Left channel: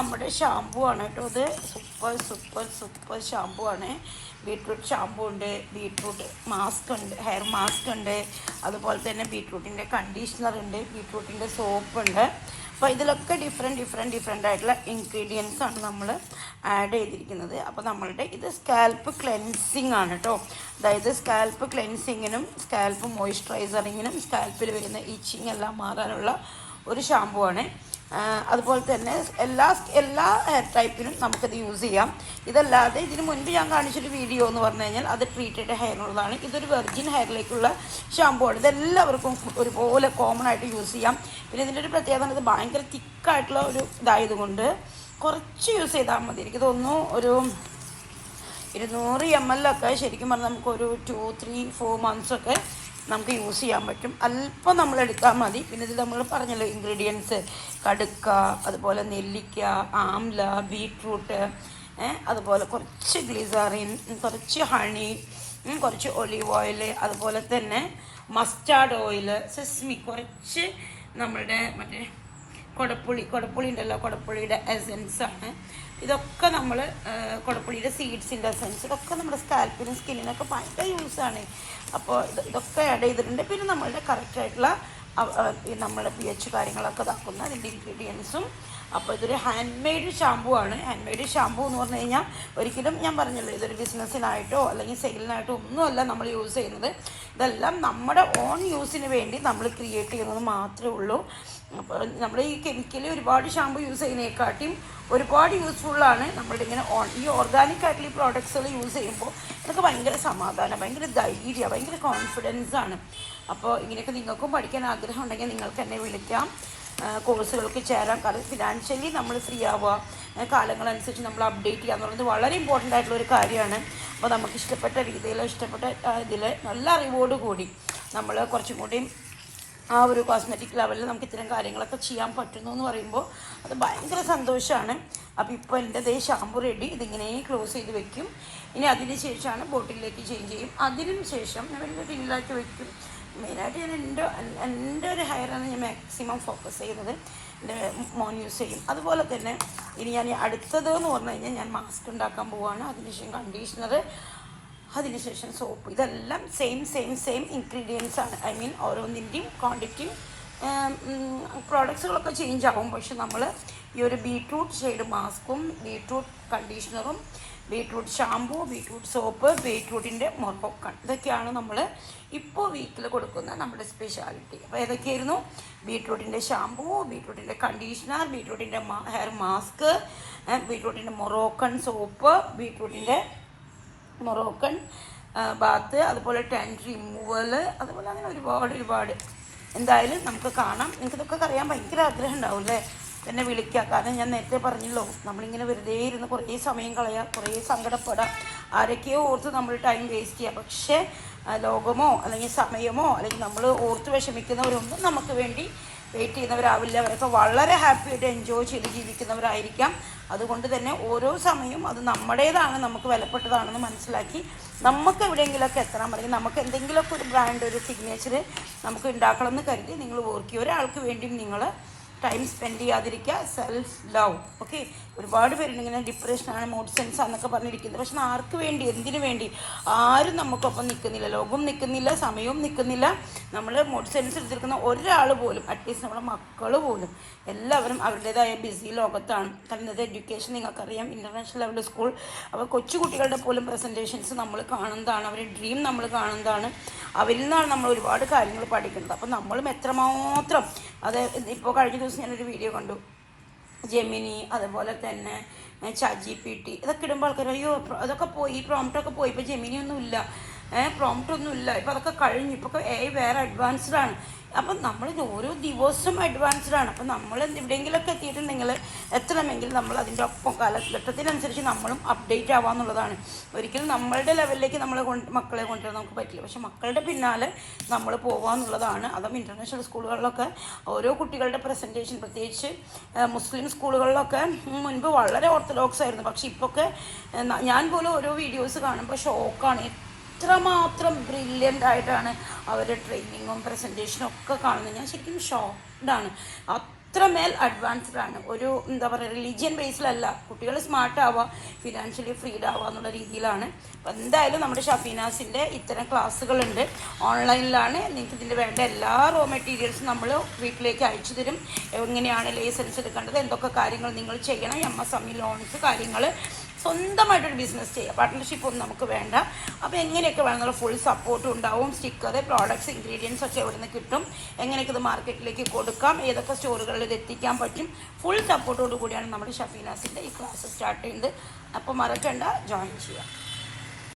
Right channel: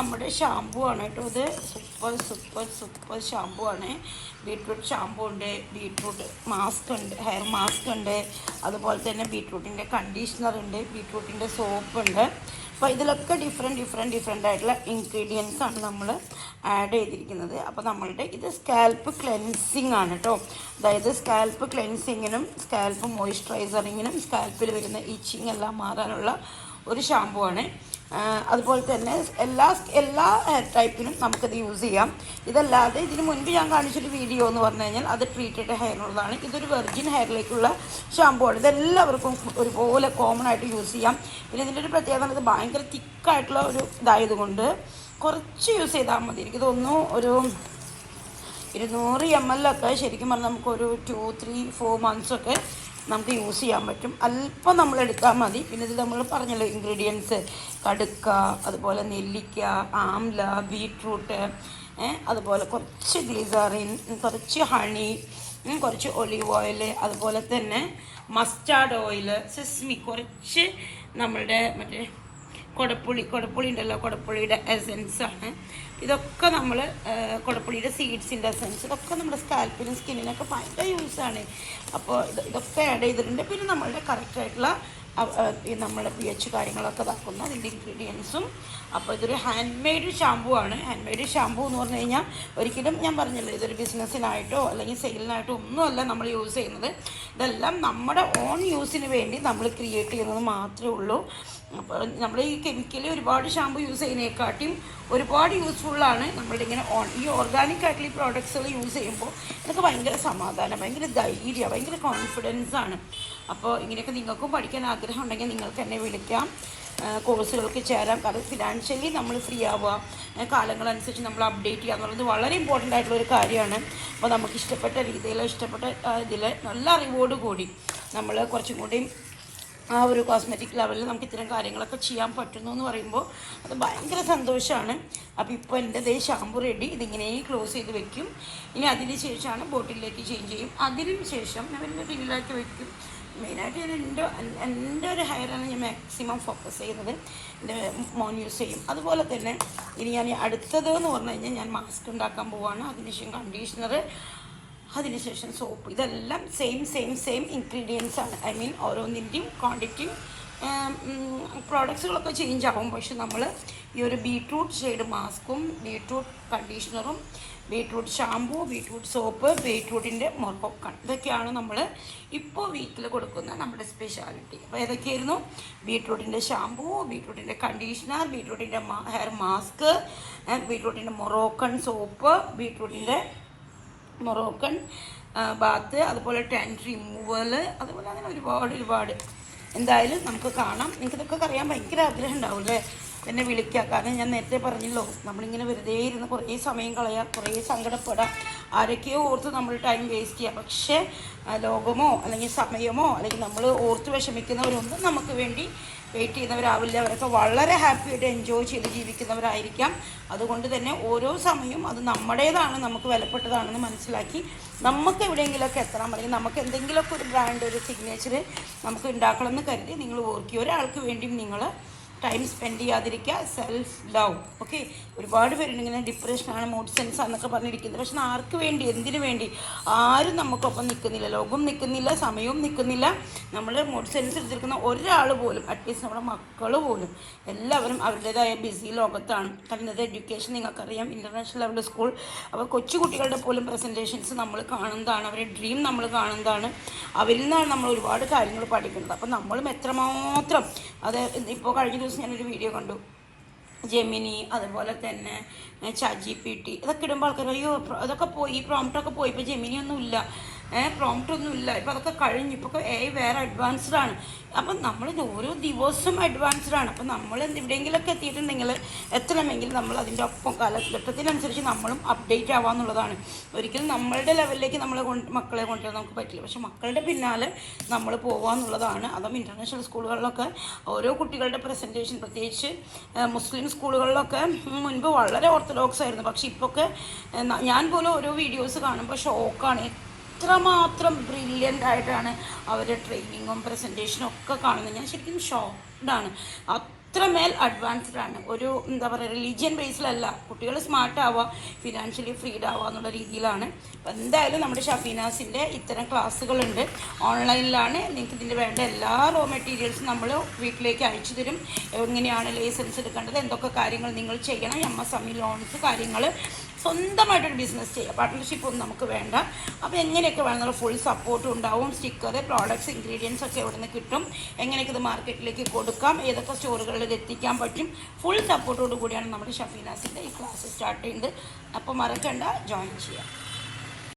നമ്മുടെ ഷാമ്പു ആണ് കേട്ടോ. ഇത് സൂപ്പർ സൂപ്പർ സൂപ്പർ ഷാമ്പു ആണ്. ബീട്രൂട്ട് ഷാമ്പു ഉണ്ട്, ബീട്രൂട്ട് മാസ്ക് ഉണ്ട്, ഹെയർ മാസ്ക് ഉണ്ട്, അതുപോലെ തന്നെ ബീട്രൂട്ടിൻ്റെ കണ്ടീഷണർ ഉണ്ട്, ബീട്രൂട്ടിൻ്റെ സോപ്പ് ഉണ്ട്. അപ്പോൾ ഇതിലൊക്കെ ഡിഫറെൻ്റ് ആയിട്ടുള്ള ഇൻഗ്രീഡിയൻസ് ആണ് നമ്മൾ ആഡ് ചെയ്തിരിക്കുന്നത്. അപ്പോൾ നമ്മളുടെ ഇത് സ്കാൽപ്പ് ക്ലെൻസിങ് ആണ് കേട്ടോ. അതായത് സ്കാൽപ്പ് ക്ലെൻസിങ്ങിനും സ്കാൽപ്പ് മോയ്സ്ചറൈസറിങ്ങിനും സ്കാൽപ്പിൽ വരുന്ന ഇച്ചിങ് എല്ലാം മാറാനുള്ള ഒരു ഷാമ്പു ആണ്. അതുപോലെ തന്നെ എല്ലാ ഹെയർ ടൈപ്പിനും നമുക്കത് യൂസ് ചെയ്യാം. ഇതല്ലാതെ ഇതിന് മുൻപ് ഞാൻ കാണിച്ചൊരു വീഡിയോ എന്ന് പറഞ്ഞു കഴിഞ്ഞാൽ അത് ട്രീറ്റഡ് ഹെയറിനുള്ളതാണ്. ഇതൊരു വെർജിൻ ഹെയറിലേക്കുള്ള ഷാമ്പു ആണ്. ഇതെല്ലാവർക്കും ഒരുപോലെ കോമൺ ആയിട്ട് യൂസ് ചെയ്യാം. പിന്നെ ഇതിൻ്റെ ഒരു പ്രത്യേകത ഇത് ഭയങ്കര തിക്കായിട്ടുള്ള ഒരു ഇതായതുകൊണ്ട് കുറച്ച് യൂസ് ചെയ്താൽ മതി. എനിക്ക് തോന്നുന്നു ഒരു 200 ml ഒക്കെ ശരിക്കും പറഞ്ഞാൽ നമുക്കൊരു 2-3-4 months ഒക്കെ നമുക്ക് യൂസ് ചെയ്യാൻ പറ്റും. അല്പം നമ്മൾ എടുത്താൽ മതി. പിന്നെ ഇതിൽ നമ്മൾ പറഞ്ഞല്ലോ ഇൻഗ്രീഡിയൻസ്, കടുക്ക, അതുപോലെ നെല്ലിക്ക, ആംല, ബീട്രൂട്ട്, അതുപോലെ കുറച്ച് ഗ്ലിസറിൻ, കുറച്ച് ഹണി, കുറച്ച് ഒലീവ് ഓയിൽ, അതുപോലെ തന്നെ മസ്റ്റാർഡ് ഓയിൽ, സെസ്മി, കുറച്ച് നമ്മളുടെ മറ്റേ കൊടപ്പുളി ഉണ്ടല്ലോ, കൊടപ്പുളിയുടെ എസെൻസ് ആണ്. ഇതൊക്കെ നമ്മൾ കൊടപ്പുളിയുടെ സീഡ്സിൻ്റെ എസെൻസ്, ഇതൊക്കെ നമ്മുടെ സ്കാൽപ്പിനും സ്കിന്നിനൊക്കെ ഭയങ്കര യൂസാണ്. അപ്പോൾ ഇതൊക്കെ ആഡ് ചെയ്തിട്ടുണ്ട്. പിന്നെ നമ്മളുടെ കറക്റ്റായിട്ടുള്ള നമ്മുടെ pH കാര്യങ്ങളൊക്കെ തക്കുന്ന ഇതിൻ്റെ ഇൻഗ്രീഡിയൻസും. അപ്പോൾ ഇതൊരു ഹാൻഡ് മെയ്ഡ് ഷാമ്പു ആണ്. ഹാൻഡ് മെയ്ഡ് ഷാമ്പു എന്ന് പറഞ്ഞു കഴിഞ്ഞാൽ ഒരിക്കലും ഞാൻ പറഞ്ഞല്ലോ ഇതൊരു ബിസിനസ്സിനായിട്ടോ അല്ലെങ്കിൽ സെയിലിനായിട്ടോ ഒന്നുമല്ല നമ്മൾ യൂസ് ചെയ്യുന്നത്. ഇതെല്ലാം നമ്മുടെ ഓൺ യൂസിന് വേണ്ടി നമ്മൾ ക്രിയേറ്റ് ചെയ്യുന്നത് മാത്രമേ ഉള്ളൂ. അപ്പോൾ നമ്മൾ ഈ കെമിക്കലി ഒരുപാട് ഷാമ്പു യൂസ് ചെയ്യുന്നതിനെക്കാട്ടിയും ഒരുപാട് യൂസ്ഫുള്ളാണ് നമ്മളുടെ ഇങ്ങനെ ഈ ഓർഗാനിക് ആയിട്ടുള്ള ഈ പ്രോഡക്ട്സുകൾ യൂസ് ചെയ്യുമ്പോൾ ഇതൊക്കെ ഭയങ്കര സമാധാനം, ഭയങ്കര ധൈര്യം, ഭയങ്കര കോൺഫിഡൻസ് ആണ്. അപ്പോൾ ഇങ്ങനെയൊക്കെ നിങ്ങൾക്കും പഠിക്കാൻ ആഗ്രഹം ഉണ്ടെങ്കിൽ നിങ്ങൾക്ക് എന്നെ വിളിക്കാം, കോഴ്സുകൾക്ക് ചേരാം. കാരണം ഫിനാൻഷ്യലി നമ്മൾ ഫ്രീ ആവുക, കാലങ്ങളനുസരിച്ച് നമ്മൾ അപ്ഡേറ്റ് ചെയ്യുക എന്ന് പറയുന്നത് വളരെ ഇമ്പോർട്ടൻ്റ് ആയിട്ടുള്ള ഒരു കാര്യമാണ്. അപ്പോൾ നമുക്ക് ഇഷ്ടപ്പെട്ട രീതിയിൽ ഇഷ്ടപ്പെട്ട ഇതിൽ നല്ല അറിവോട് കൂടി നമ്മൾ കുറച്ചും കൂടി ആ ഒരു കോസ്മെറ്റിക് ലെവലിൽ നമുക്ക് ഇത്തരം കാര്യങ്ങളൊക്കെ ചെയ്യാൻ പറ്റുന്നു എന്ന് പറയുമ്പോൾ അത് ഭയങ്കര സന്തോഷമാണ്. അപ്പോൾ ഇപ്പോൾ എൻ്റെ ഷാമ്പു റെഡി. ഇതിങ്ങനെ ക്ലോസ് ചെയ്ത് വെക്കും. ഇനി അതിന് ശേഷമാണ് ബോട്ടിലേക്ക് ചേഞ്ച് ചെയ്യും. അതിന് ശേഷം ഞാൻ ഒരു റിലാക്കി വെക്കും. മെയിനായിട്ട് എൻ്റെ ഒരു ഹെയറാണ് ഞാൻ മാക്സിമം ഫോക്കസ് ചെയ്യുന്നത്. എൻ്റെ മോൻ യൂസ് ചെയ്യും. അതുപോലെ തന്നെ ഇനി ഞാൻ അടുത്തത് എന്ന് പറഞ്ഞു കഴിഞ്ഞാൽ ഞാൻ മാസ്ക് ഉണ്ടാക്കാൻ പോവുകയാണ്. അതിനുശേഷം കണ്ടീഷണർ, അതിനുശേഷം സോപ്പ്. ഇതെല്ലാം സെയിം ഇൻഗ്രീഡിയൻസ് ആണ്. ഐ മീൻ ഓരോന്നിൻ്റെയും ക്വാണ്ടിറ്റി പ്രോഡക്ട്സുകളൊക്കെ ചേഞ്ച് ആവും. പക്ഷെ നമ്മൾ ഈ ഒരു ബീട്രൂട്ട് ഷെയ്ഡ് മാസ്കും, ബീട്രൂട്ട് കണ്ടീഷണറും, ബീട്രൂട്ട് ഷാമ്പു, ബീട്രൂട്ട് സോപ്പ്, ബീട്രൂട്ടിൻ്റെ മൊറോക്കൺ, ഇതൊക്കെയാണ് നമ്മൾ ഇപ്പോൾ വീട്ടിൽ കൊടുക്കുന്ന നമ്മുടെ സ്പെഷ്യാലിറ്റി. അപ്പോൾ ഏതൊക്കെയായിരുന്നു? ബീട്രൂട്ടിൻ്റെ ഷാമ്പു, ബീട്രൂട്ടിൻ്റെ കണ്ടീഷണർ, ബീട്രൂട്ടിൻ്റെ ഹെയർ മാസ്ക്, ബീട്രൂട്ടിൻ്റെ മൊറോക്കൺ സോപ്പ്, ബീട്രൂട്ടിൻ്റെ മൊറോക്കൺ ബാത്ത്, അതുപോലെ ടാൻ റിമൂവൽ, അതുപോലെ അങ്ങനെ ഒരുപാട്. എന്തായാലും നമുക്ക് കാണാം. എനിക്കിതൊക്കെ അറിയാൻ ഭയങ്കര ആഗ്രഹം ഉണ്ടാവും അല്ലേ? എന്നെ വിളിക്കുക. കാരണം ഞാൻ നേരത്തെ പറഞ്ഞല്ലോ, നമ്മളിങ്ങനെ വെറുതെ ഇരുന്ന് കുറേ സമയം കളയാം, കുറേ സങ്കടപ്പെടാം, ആരൊക്കെയോ ഓർത്ത് നമ്മൾ ടൈം വേസ്റ്റ് ചെയ്യാം. പക്ഷേ ലോകമോ അല്ലെങ്കിൽ സമയമോ അല്ലെങ്കിൽ നമ്മൾ ഓർത്ത് വിഷമിക്കുന്നവരൊന്നും നമുക്ക് വേണ്ടി വെയിറ്റ് ചെയ്യുന്നവരാവില്ല. അവരൊക്കെ വളരെ ഹാപ്പിയായിട്ട് എൻജോയ് ചെയ്ത് ജീവിക്കുന്നവരായിരിക്കാം. അതുകൊണ്ട് തന്നെ ഓരോ സമയവും അത് നമ്മുടേതാണ്, നമുക്ക് വിലപ്പെട്ടതാണെന്ന് മനസ്സിലാക്കി നമുക്ക് എവിടെയെങ്കിലുമൊക്കെ എത്താൻ പറയും. നമുക്ക് എന്തെങ്കിലുമൊക്കെ ഒരു ബ്രാൻഡ്, ഒരു സിഗ്നേച്ചർ നമുക്ക് ഉണ്ടാക്കണം എന്ന് കരുതി നിങ്ങൾ ഓർക്കുക. ഒരാൾക്ക് വേണ്ടിയും നിങ്ങൾ ടൈം സ്പെൻഡ് ചെയ്യാതിരിക്കുക. Self love. ഓക്കെ, ഒരുപാട് പേരുണ്ട് ഇങ്ങനെ ഡിപ്രഷനാണ്, മൂഡ് സെൻസ് ആണെന്നൊക്കെ പറഞ്ഞിരിക്കുന്നത്. പക്ഷെ ആർക്ക് വേണ്ടി, എന്തിനു വേണ്ടി? ആരും നമുക്കൊപ്പം നിൽക്കുന്നില്ല, ലോകം നിൽക്കുന്നില്ല, സമയവും നിൽക്കുന്നില്ല. നമ്മൾ മൂഡ് സെൻസ് എടുത്തിരിക്കുന്ന ഒരാൾ പോലും, അറ്റ്ലീസ്റ്റ് നമ്മുടെ മക്കൾ പോലും, എല്ലാവരും അവരുടേതായ ബിസി ലോകത്താണ്. കാരണം ഇന്നത്തെ എഡ്യൂക്കേഷൻ നിങ്ങൾക്കറിയാം, ഇൻ്റർനാഷണൽ ലെവൽ സ്കൂൾ. അപ്പോൾ കൊച്ചുകുട്ടികളുടെ പോലും പ്രസൻറ്റേഷൻസ് നമ്മൾ കാണുന്നതാണ്, അവരുടെ ഡ്രീം നമ്മൾ കാണുന്നതാണ്. അവരിൽ നിന്നാണ് നമ്മൾ ഒരുപാട് കാര്യങ്ങൾ പഠിക്കുന്നത്. അപ്പോൾ നമ്മളും എത്രമാത്രം, അത് ഇപ്പോൾ കഴിഞ്ഞ ദിവസം ഞാനൊരു വീഡിയോ കണ്ടു, ജെമിനി, അതുപോലെ തന്നെ ChatGPT, ഇതൊക്കെ ഇടുമ്പോൾ ആൾക്കാർ അയ്യോ അതൊക്കെ പോയി, ഈ പ്രോംപ്റ്റൊക്കെ പോയി, ഇപ്പോൾ ജെമിനി ഒന്നുമില്ല, പ്രോംപ്റ്റ് ഒന്നുമില്ല, ഇപ്പോൾ അതൊക്കെ കഴിഞ്ഞു, ഇപ്പോൾ വേറെ അഡ്വാൻസ്ഡ് ആണ്. അപ്പം നമ്മൾ ഓരോ ദിവസവും അഡ്വാൻസ്ഡ് ആണ്. അപ്പം നമ്മൾ എവിടെയെങ്കിലുമൊക്കെ എത്തിയിട്ടുണ്ടെങ്കിൽ, എത്തണമെങ്കിൽ നമ്മൾ അതിൻ്റെ ഒപ്പം കാലഘട്ടത്തിനനുസരിച്ച് നമ്മളും അപ്ഡേറ്റ് ആവാന്നുള്ളതാണ്. ഒരിക്കലും നമ്മളുടെ ലെവലിലേക്ക് മക്കളെ കൊണ്ടുവരാൻ നമുക്ക് പറ്റില്ല. പക്ഷെ മക്കളുടെ പിന്നാലെ നമ്മൾ പോകാമെന്നുള്ളതാണ്. അതും ഇൻ്റർനാഷണൽ സ്കൂളുകളിലൊക്കെ ഓരോ കുട്ടികളുടെ പ്രസൻറ്റേഷൻ, പ്രത്യേകിച്ച് മുസ്ലിം സ്കൂളുകളിലൊക്കെ മുൻപ് വളരെ ഓർത്തഡോക്സ് ആയിരുന്നു. പക്ഷെ ഇപ്പൊക്കെ ഞാൻ പോലും ഓരോ വീഡിയോസ് കാണുമ്പോൾ ഷോക്കാണ്. എത്രമാത്രം ബ്രില്യൻ്റ് ആയിട്ടാണ് അവരുടെ ട്രെയിനിങ്ങും പ്രസൻറ്റേഷനും ഒക്കെ കാണുന്നത്. ഞാൻ ശരിക്കും ഷോക്ക്ഡാണ്. അത്രമേൽ അഡ്വാൻസ്ഡ് ആണ്. ഒരു എന്താ പറയുക, റിലീജിയൻ ബേസിലല്ല. കുട്ടികൾ സ്മാർട്ട് ആവുക, ഫിനാൻഷ്യലി ഫ്രീഡ് ആവുക എന്നുള്ള രീതിയിലാണ്. അപ്പം എന്തായാലും നമ്മുടെ ഷഫീനാസിൻ്റെ ഇത്തരം ക്ലാസ്സുകളുണ്ട്, ഓൺലൈനിലാണ്. നിങ്ങൾക്ക് ഇതിൻ്റെ വേണ്ട എല്ലാ റോ മെറ്റീരിയൽസും നമ്മൾ വീട്ടിലേക്ക് അയച്ചു തരും. എങ്ങനെയാണ് ലൈസൻസ് എടുക്കേണ്ടത്, എന്തൊക്കെ കാര്യങ്ങൾ നിങ്ങൾ ചെയ്യണം, MSME ലോൺസ് കാര്യങ്ങൾ, സ്വന്തമായിട്ടൊരു ബിസിനസ് ചെയ്യുക. പാർട്ട്ണർഷിപ്പ് ഒന്നും നമുക്ക് വേണ്ട. അപ്പോൾ എങ്ങനെയൊക്കെ വേണമെന്നുള്ള ഫുൾ സപ്പോർട്ടും ഉണ്ടാവും. സ്റ്റിക്കർ, പ്രോഡക്ട്സ്, ഇൻഗ്രീഡിയൻസ് ഒക്കെ എവിടെ നിന്ന് കിട്ടും, എങ്ങനെയൊക്കെ ഇത് മാർക്കറ്റിലേക്ക് കൊടുക്കാം, ഏതൊക്കെ സ്റ്റോറുകളിൽ ഇത് എത്തിക്കാൻ പറ്റും, ഫുൾ സപ്പോർട്ടോടു കൂടിയാണ് നമ്മുടെ ഷഫീനാസിൻ്റെ ഈ ക്ലാസ് സ്റ്റാർട്ട് ചെയ്യുന്നത്. അപ്പോൾ മറക്കണ്ട, ജോയിൻ ചെയ്യാം.